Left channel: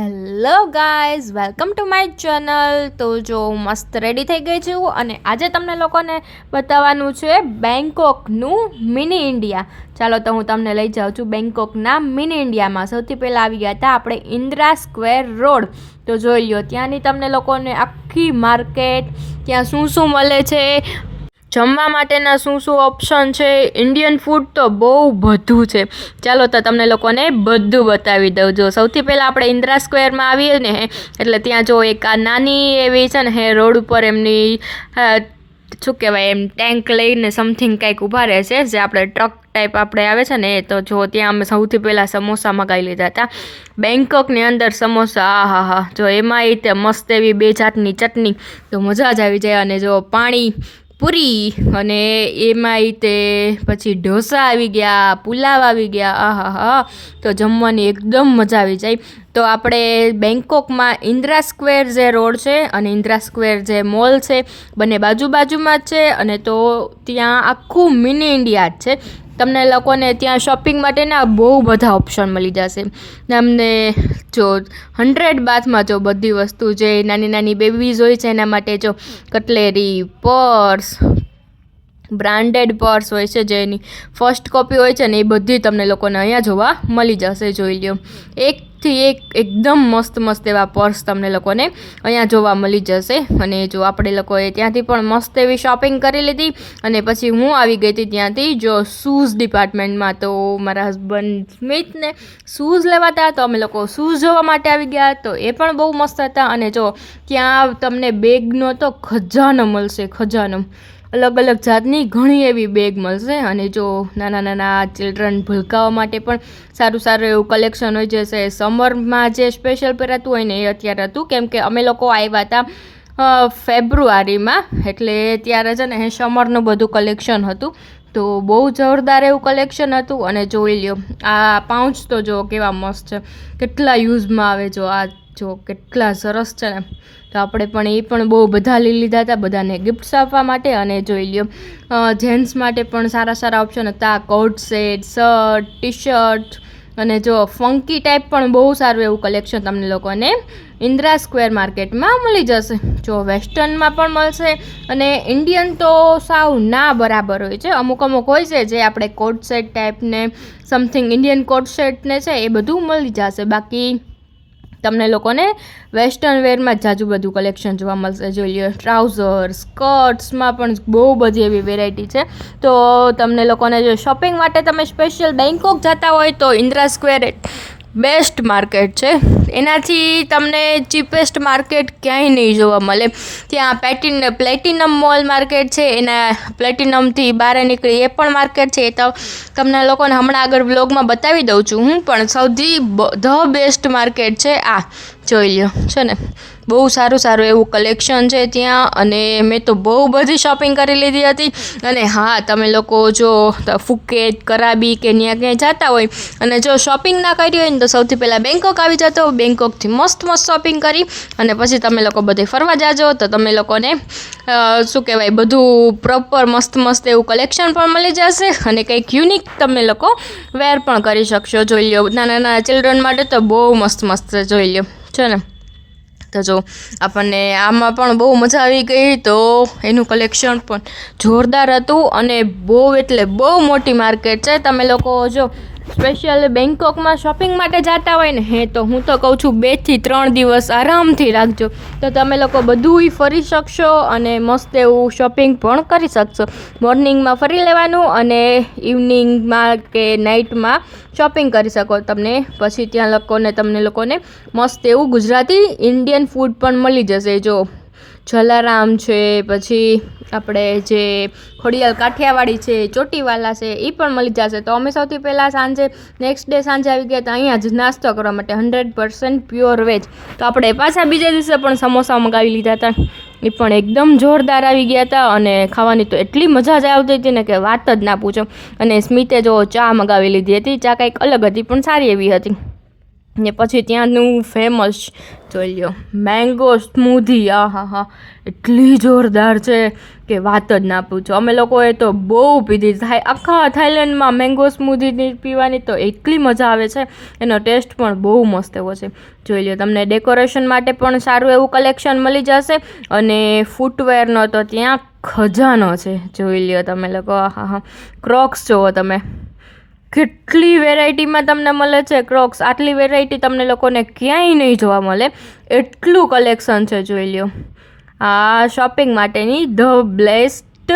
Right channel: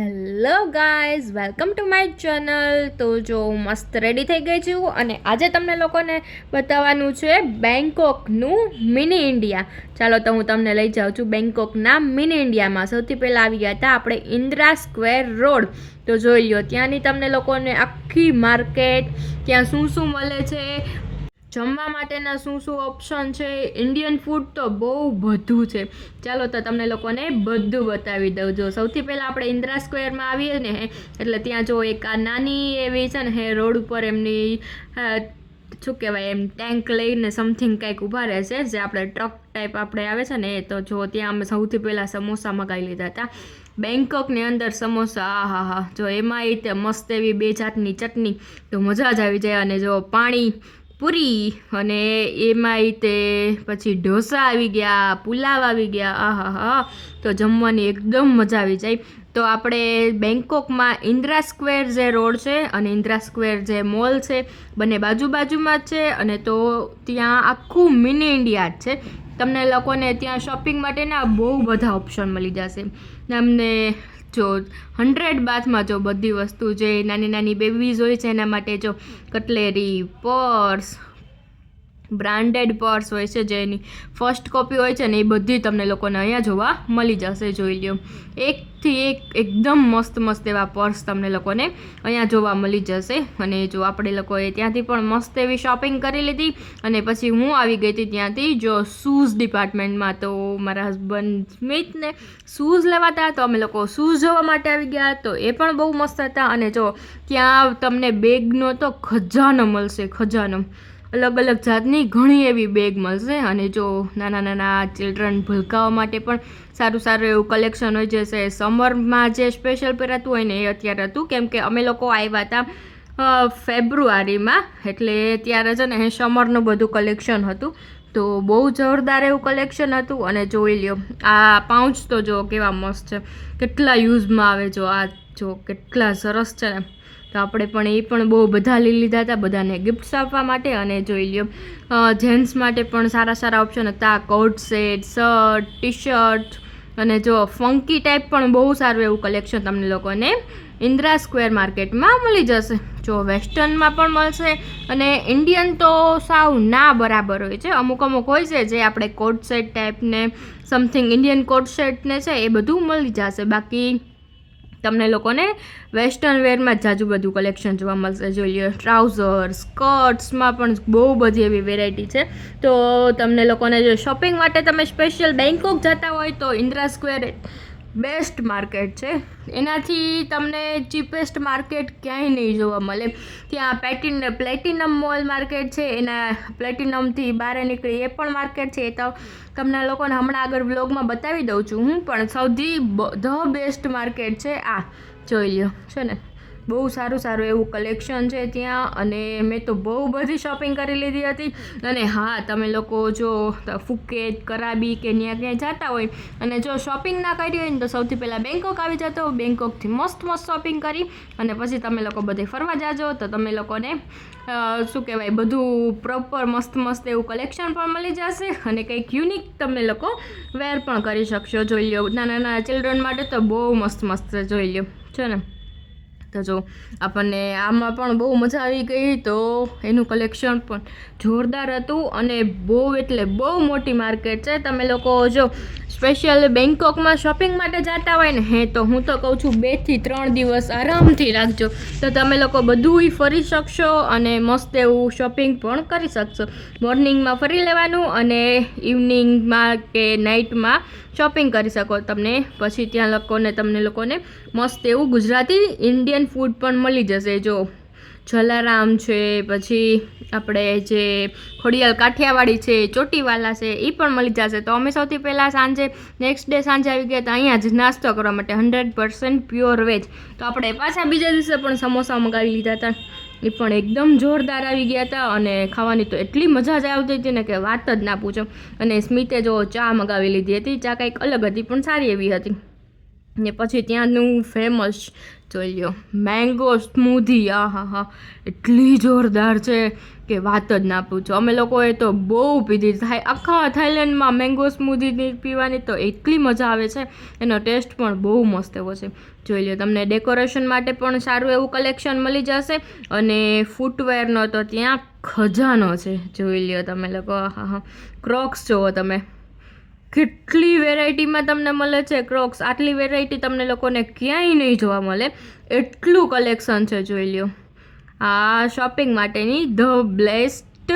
Hello guys, welcome to my channel. તો જો મસ્ત રેડી થઈ ગઈ છું અને આજે તમને લોકોને બતાવવાનું છે બેંકોકનું મિની ઇન્ડિયા. ચાલો તો હું તમને લઈ જાઉં છું બેંકોકના મિની ઇન્ડિયામાં. સૌથી પહેલાં આવી ગયા હતા આપણે ઇન્દિરા સ્ક્વેર રોડ. તો જોઈ લો ત્યાંની તમને લોકોને આખી માર્કેટ, ત્યાં શું શું મળે છે, જમવા માટેના શું શું ઓપ્શન છે, ઇન્ડિયન ફૂડ તો બહુ બધું છે. ચાલો તો તમને લોકોને બધું બતાવી દઉં. જો સૌથી પહેલાં આપણે ઇન્દિરા સ્ક્વેરમાં આવીએ ને એટલે ત્યાં જો એક આ નાની એવી છે ને રોડ ઉપર એમની શું કહેવાય એમ ટેન્ક લઈને સમથિંગ કંઈક ઊભા રહે છે, જે આપણે ટ્રક ટાઈપ આપણે આવે છે ને. તો જો ત્યાં અમે સૌથી પહેલાં સમોસા મગાવી લીધા હતા. બેંકોકની અંદર સમોસા, હા, જો એમાં એ તે મસ્ત એવી બે જાતની ચટણી, તો મજા જ આવી જાય. અને જો પાણી પૂરી, અને એમાં તે પછી ઢોસા આવી ગયા, પુલાવ આવી ગયા, હા, તો જમવાની એકદમ મજા આવી જાય. તો આપણે બેંકોકમાં ઇન્દિરા સ્ક્વેર જે રોડ છે અને ઇન્દિરા સ્ક્વેર જે મોલ છે, બંને બાજુમાં જ છે. અને તો ત્યાં આખું મિની ઇન્ડિયા જ છે. તમને લોકોને ત્યાં શોપિંગ માટેના બહુ બધા ઓપ્શન મળી જશે. તમને જો 100 બાથમાં જો બધી વસ્તુ જે નાની નાની બેબીઝ હોય છે એના માટે જો કટલેરી, પર્સ, બ્રાન્ડેડ પર્સ હોય છે જેની ફર્સ્ટ કોપી હોય છે ને, એ બધી તમને લોકોને અહીંયા જોવા મળી જશે. જોઈ લ્યો, એકથી એક એકદમ મસ્ત એવા પર્સ તમને લોકોને અહીંયા જોવા મળી જશે. અને જો આપણે લોકોએ ત્યાંથી પણ મસ્ત એવી શોપિંગ કરી લીધી. અને પછી હું આવી ગઈ હતી ત્યાંથી જો શૂઝ ડિપાર્ટમેન્ટમાં. તો મારા હસબન્ડ સ્મિથને શૂઝ લેવાતા, તો અમે લોકો શૂઝ જોવા માટે આવી ગયા. તો એ પણ બહુ મસ્ત હતા. અને જો ત્યાં તમને બેગનો તો ખજાનો મળશે, ખજાનો. અલગ જાતની ઘણી એવી બેગ મળશે. અને જો નાના ચિલ્ડ્રન ભૂલકાઓ માટે પણ સારું એવું કલેક્શન હોય. જશે સમરમાં જે સ્પેશિયલ પહેરાતું હોય ને એ અત્યારે હતું, કેમ કે અમે લોકો આવ્યા હતા ફેબ્રુઆરીમાં, એટલે ત્યારે છે ને સમરનું બધું કલેક્શન હતું. તો બહુ જોરદાર એવું કલેક્શન હતું. અને જોઈ લ્યો આ પાઉચ તો જો કેવા મસ્ત છે, કેટલા યુઝમાં આવે. જો આ જો કેટલા સરસ છે ને. તો આપણે પણ એ પણ બહુ બધા લઈ લીધા હતા, બધાને ગિફ્ટ્સ આપવા માટે. અને જોઈ લ્યો જેન્ટ્સ માટે પણ સારા ઓપ્શન હતા. Coat set, shirt, T shirt, અને જો ફંકી ટાઈપ પણ બહુ સારું એવું કલેક્શન તમને લોકોને ઇન્દિરા સ્ક્વેર માર્કેટમાં મળી જશે. જો વેસ્ટર્નમાં પણ મળશે, અને ઇન્ડિયન તો સાવ ના બરાબર હોય છે. અમુક હોય છે જે આપણે કોટ સેટ ટાઈપને સમથિંગ ઇન્ડિયન કોટ સેટને છે એ બધું મળી જશે. બાકી તમને લોકોને વેસ્ટર્ન વેરમાં જ જાજુ બધું કલેક્શન જોવા મળશે. જોઈ લો ટ્રાઉઝર, સ્કર્ટ્સમાં પણ બહુ બધી એવી વેરાયટી છે. તો તમને લોકોને જો શોપિંગ માટે તમે સ્પેશિયલ બેંકોક જતા હોય તો ઇન્દિરા સ્ક્વેર બેસ્ટ માર્કેટ છે. એનાથી તમને ચીપેસ્ટ માર્કેટ ક્યાંય નહીં જોવા મળે. ત્યાં પ્લેટિનમ મોલ માર્કેટ છે, એના પ્લેટિનમથી બહાર નીકળી એ પણ માર્કેટ છે. એ તો તમને લોકોને હમણાં આગળ વ્લોગમાં બતાવી દઉં છું હું. પણ સૌથી ધ બેસ્ટ માર્કેટ છે આ. જોઈ લ્યો છે ને, બહુ સારું એવું કલેક્શન છે ત્યાં. અને મેં તો બહુ બધી શોપિંગ કરી લીધી હતી. અને હા, તમે લોકો જો ફુકેત, કરાબી કે ત્યાં ક્યાંય જતા હોય અને જો શોપિંગ ના કરી હોય ને, તો સૌથી પહેલાં બેંકોક આવી જતો. બેંકોકથી મસ્ત શોપિંગ કરી અને પછી તમે લોકો બધે ફરવા જાજો. તો તમે લોકોને શું કહેવાય બધું પ્રોપર મસ્ત એવું કલેક્શન પણ મળી જશે. અને કંઈક યુનિક તમે લોકો વેર પણ કરી શકશો. જોઈ લો નાના ચિલ્ડ્રન માટે તો બહુ મસ્ત જોઈ લો છે ને. તો જો આપણને આમાં પણ બહુ મજા આવી ગઈ. તો એનું કલેક્શન પણ જોરદાર હતું. અને બહુ એટલે બહુ મોટી માર્કેટ છે. તમે લોકો જો સ્પેશિયલ બેંકોકમાં શોપિંગ માટે જતા હોય ને તો હું તો કહું છું 2 થી 3 દિવસ આરામથી રાખજો. તો તમે લોકો બધુંય ફરી શકશો અને મસ્ત એવું શોપિંગ પણ કરી શકશો. મોર્નિંગમાં ફરી લેવાનું અને ઇવનિંગમાં કે નાઇટમાં શોપિંગ કરી શકો. પછી ત્યાં તમને લોકોને મસ્ત એવું ગુજરાતી ઇન્ડિયન ફૂડ પણ મળી જશે. જો જલારામ છે, પછી આપણે જે ખોડિયાલ કાઠિયાવાડી છે, ચોટીવાલા છે, એ પણ મળી જશે. તો અમે સૌથી પહેલાં નેક્સ્ટ ડે સાંજે આવી ગયા હતા અહીંયા જ નાસ્તો કરવા માટે, 100% પ્યોર વેજ. તો આપણે પાછા બીજા દિવસે પણ સમોસા મગાવી લીધા હતા. એ પણ એકદમ જોરદાર આવી ગયા હતા. અને ખાવાની તો એટલી મજા જ આવતી હતી ને કે વાત જ ના પૂછો. અને સ્મિતે જો ચા મગાવી લીધી હતી. ચા કંઈક અલગ હતી પણ સારી એવી હતી. ને પછી ત્યાંનું ફેમસ જોઈ લ્યો મેંગો સ્મૂધી, હા એટલી જોરદાર છે કે વાત જ ના પૂછો. અમે લોકોએ તો બહુ પીધી. આખા થાઈલેન્ડમાં મેંગો સ્મૂધી પીવાની તો એટલી મજા આવે છે, એનો ટેસ્ટ પણ બહુ મસ્ત એવો છે. જોઈ લો, તમને ડેકોરેશન માટે પણ સારું એવું કલેક્શન મળી જશે. અને ફૂટવેરનો તો ત્યાં ખજાનો છે. જોઈ લ્યો તમે લોકો, હા ક્રોક્સ જુઓ તમે, કેટલી વેરાયટીમાં તમને મળે છે ક્રોક્સ. આટલી વેરાયટી તમને લોકોને ક્યાંય નહીં જોવા મળે, એટલું કલેક્શન છે. જોઈ લ્યો, આ શોપિંગ માટેની ધ બેસ્ટ,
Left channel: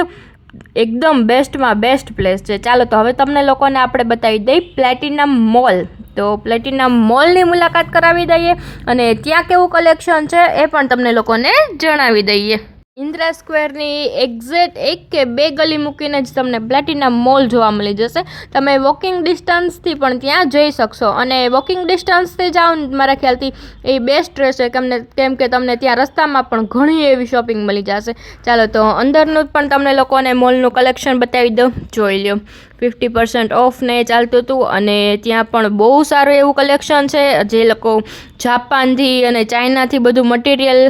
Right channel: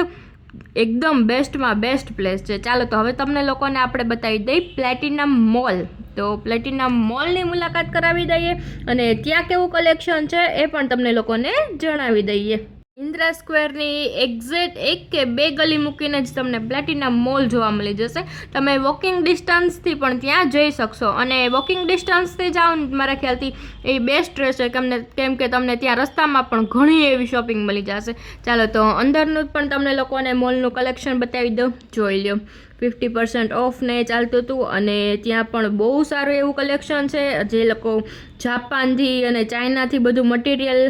એકદમ બેસ્ટમાં બેસ્ટ પ્લેસ છે. ચાલો તો હવે તમને લોકોને આપણે બતાવી દઈએ પ્લેટિનમ મોલ. તો પ્લેટિનમ મોલની મુલાકાત કરાવી દઈએ અને ત્યાં કેવું કલેક્શન છે એ પણ તમને લોકોને જણાવી દઈએ. ઇન્દ્રા સ્ક્વેરની એક્ઝેક્ટ 1 કે 2 ગલી મૂકીને જ તમને પ્લેટિનમ મોલ જોવા મળી જશે. તમે વોકિંગ ડિસ્ટન્સથી પણ ત્યાં જઈ શકશો, અને વોકિંગ ડિસ્ટન્સથી જાઓ મારા ખ્યાલથી એ બેસ્ટ રહેશે, કેમ કે તમને ત્યાં રસ્તામાં પણ ઘણી એવી શોપિંગ મળી જશે. ચાલો તો અંદરનું પણ તમને લોકોને મોલનું કલેક્શન બતાવી દઉં. જોઈ લો, 50% ઓફને ચાલતું હતું, અને ત્યાં પણ બહુ સારું એવું કલેક્શન છે. જે લોકો જાપાનથી અને ચાઇનાથી બધું મટીરિયલ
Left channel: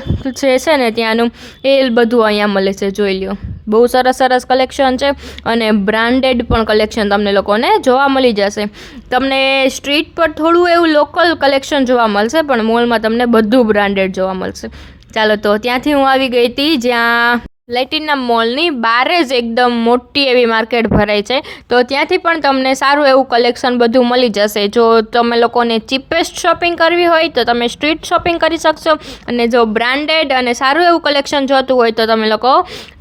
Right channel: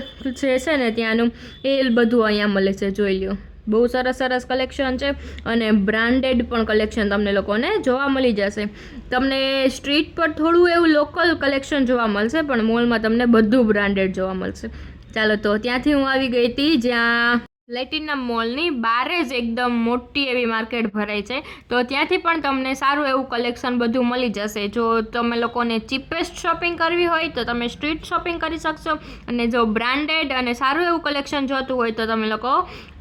છે ને ત્યાંનું, એ બધું અહીંયા મળે છે. જોઈ લો, બહુ સરસ કલેક્શન છે, અને બ્રાન્ડેડ પણ કલેક્શન તમને લોકોને જોવા મળી જશે. તમને સ્ટ્રીટ પર થોડું એવું લોકલ કલેક્શન જોવા મળશે, પણ મોલમાં તમને બધું બ્રાન્ડેડ જોવા મળશે. ચાલો તો ત્યાંથી હું આવી ગઈ હતી જ્યાં પ્લેટિનમ મોલની બહાર જ એકદમ મોટી એવી માર્કેટ ભરાય છે. તો ત્યાંથી પણ તમને સારું એવું કલેક્શન બધું મળી જશે. જો તમે લોકોને ચીપેસ્ટ શોપિંગ કરવી હોય તો તમે સ્ટ્રીટ શોપિંગ કરી શકશો, અને જો બ્રાન્ડેડ અને સારું એવું કલેક્શન જોતું હોય તો તમે લોકો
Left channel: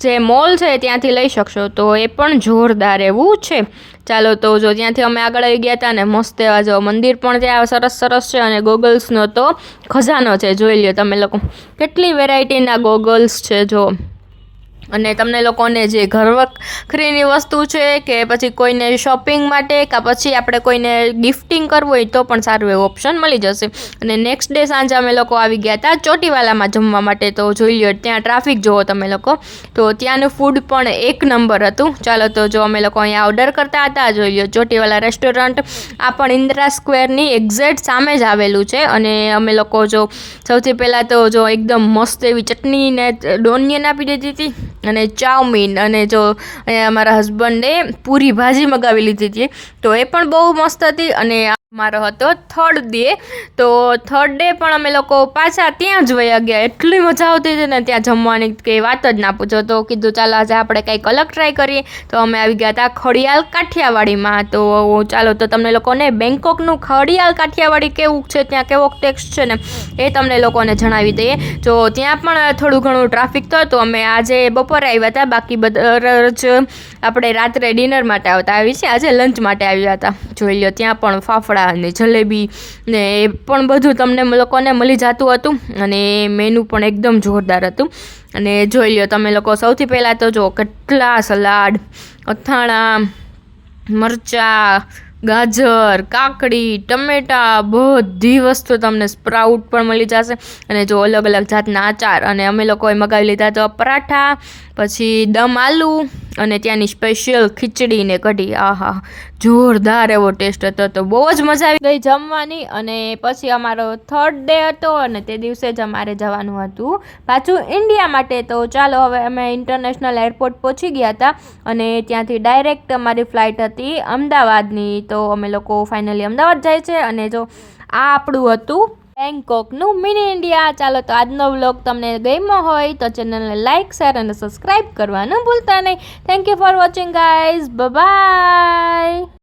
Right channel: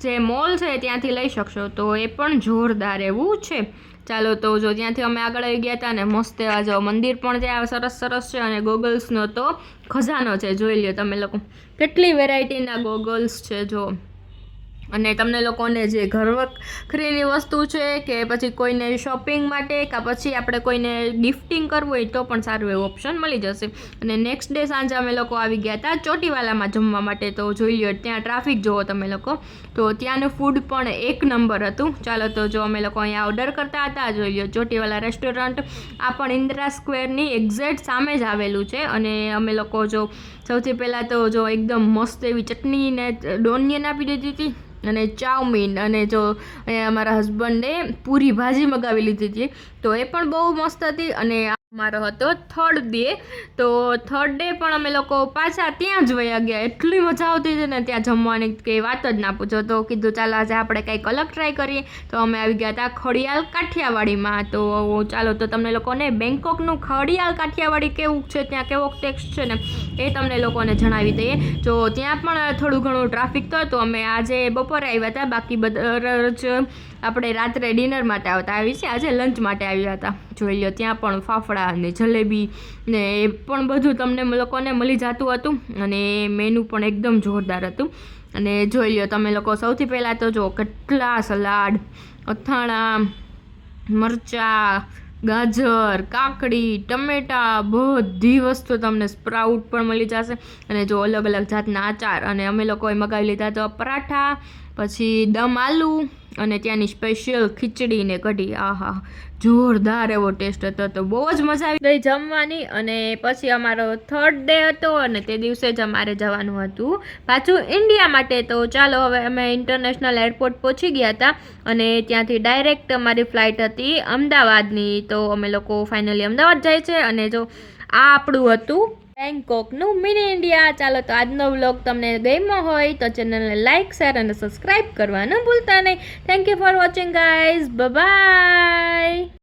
જે મોલ છે ત્યાંથી લઈ શકશો. તો એ પણ જોરદાર એવું છે. ચાલો તો જો ત્યાંથી અમે આગળ આવી ગયા હતા, ને મસ્ત એવા જો મંદિર પણ ત્યાં સરસ છે, અને ગોગલ્સનો તો ખજાનો છે. જોઈ લ્યો તમે લોકો, કેટલી વેરાયટીના ગોગલ્સ છે જો. અને તમને લોકોને જે ઘરવખરીની વસ્તુ છે કે પછી કોઈને શોપિંગ માટે કે પછી આપણે કોઈને ગિફ્ટિંગ કરવું હોય તો પણ સારું એવું ઓપ્શન મળી જશે. અને નેક્સ્ટ ડે સાંજે અમે લોકો આવી ગયા હતા ચોટીવાલામાં જમવા માટે. તો જોઈ લો, ત્યાં ટ્રાફિક જુઓ તમે લોકો, તો ત્યાંનું ફૂડ પણ એક નંબર હતું. ચાલો તો જો અમે લોકો અહીંયા ઓર્ડર કરતા હતા. જોઈ લો, ચોટીવાલા રેસ્ટોરન્ટ આ પણ ઇન્દિરા સ્ક્વેરની એક્ઝેક્ટ સામે જ આવેલું છે. અને અમે લોકો જો સૌથી પહેલાં તો જો એકદમ મસ્ત એવી ચટણી ને ડોનિયન આપી દીધી હતી, અને ચાઉમીન, અને જો અહીંયા અમારા હસબન્ડે પૂરી ભાજી મગાવી લીધી હતી, તો એ પણ બહુ મસ્ત હતી. અને મારો હતો થર્ડ ડે, તો થર્ડ ડે પણ અમે લોકો પાછા ત્યાં જ વયા ગયા. એટલી મજા આવતી હતી ને ત્યાં જમવાની કે વાત જ ના પૂછો. તો કીધું ચાલો આજે આપણે કંઈક અલગ ટ્રાય કરીએ. તો અમે આવી ગયા હતા ખડિયાલ કાઠિયાવાડીમાં. તો ચાલો તો તમને લોકોને બેંકોકનું ખડિયાલ કાઠિયાવાડી કેવું છે, ત્યાં કેવો ટેક્સ્ટ છે ને એ તમને લોકોને જણાવી દઈએ. જો ત્યાં પણ થોડું ઘણું ટ્રાફિક તો હતું. અમે આજે બપોરે આવ્યા હતા, બાકી બધા જ આપણે રાત્રે ડિનર માટે આવી છે, આજે લંચ માટે આવ્યા હતા. જોઈ લો, ત્યાં પણ ફાફડા અને જલેબી ને એ પણ બધું તમને લોકોને મળી જતું હતું, અને મેનુ પણ એકદમ જોરદાર હતું. અને જોઈ લો તમે લોકો, સૌથી પહેલાં તો જો કેટલા સલાડ, અથાણા, મરચાં, ગાજર, કાકડી, ટમેટા, બધી વસ્તુ તમને સ્પ્રાઉટ પણ મળી જશે. અને જો અલગ જાતના આચાર, અને અમે લોકોએ મગાવી લીધા તો પરાઠા, પછી દમ આલુ, અને ત્યાંની સ્પેશિયલ ખીચડી ને કઢી. આહા, જોરદાર એવો ટેસ્ટ હતો. તો બહુ જ મજા આવી ગઈ જમવાની. અને પછી અમારો થર્ડ ડે હતો, અને તે દિવસે જ અમારે જવાનું હતું પાછું ઇન્ડિયા માટે. તો ચાલો, હવે અમે ઇન્ટરનેશનલ એરપોર્ટ પહોંચી ગયા હતા, અને ત્યાંથી ડાયરેક્ટ અમારી ફ્લાઇટ હતી અમદાવાદની. તો અમે લોકો ફાઇનલી અમદાવાદ જાય છે. અને જો આ આપણું હતું બેંકોકનું મિની ઇન્ડિયા. ચાલો તો આજનો વ્લોગ તમને ગમ્યો હોય તો ચેનલને લાઇક, શેર અને સબસ્ક્રાઈબ કરવાનું ભૂલતા નહીં. Thank you for watching guys. By.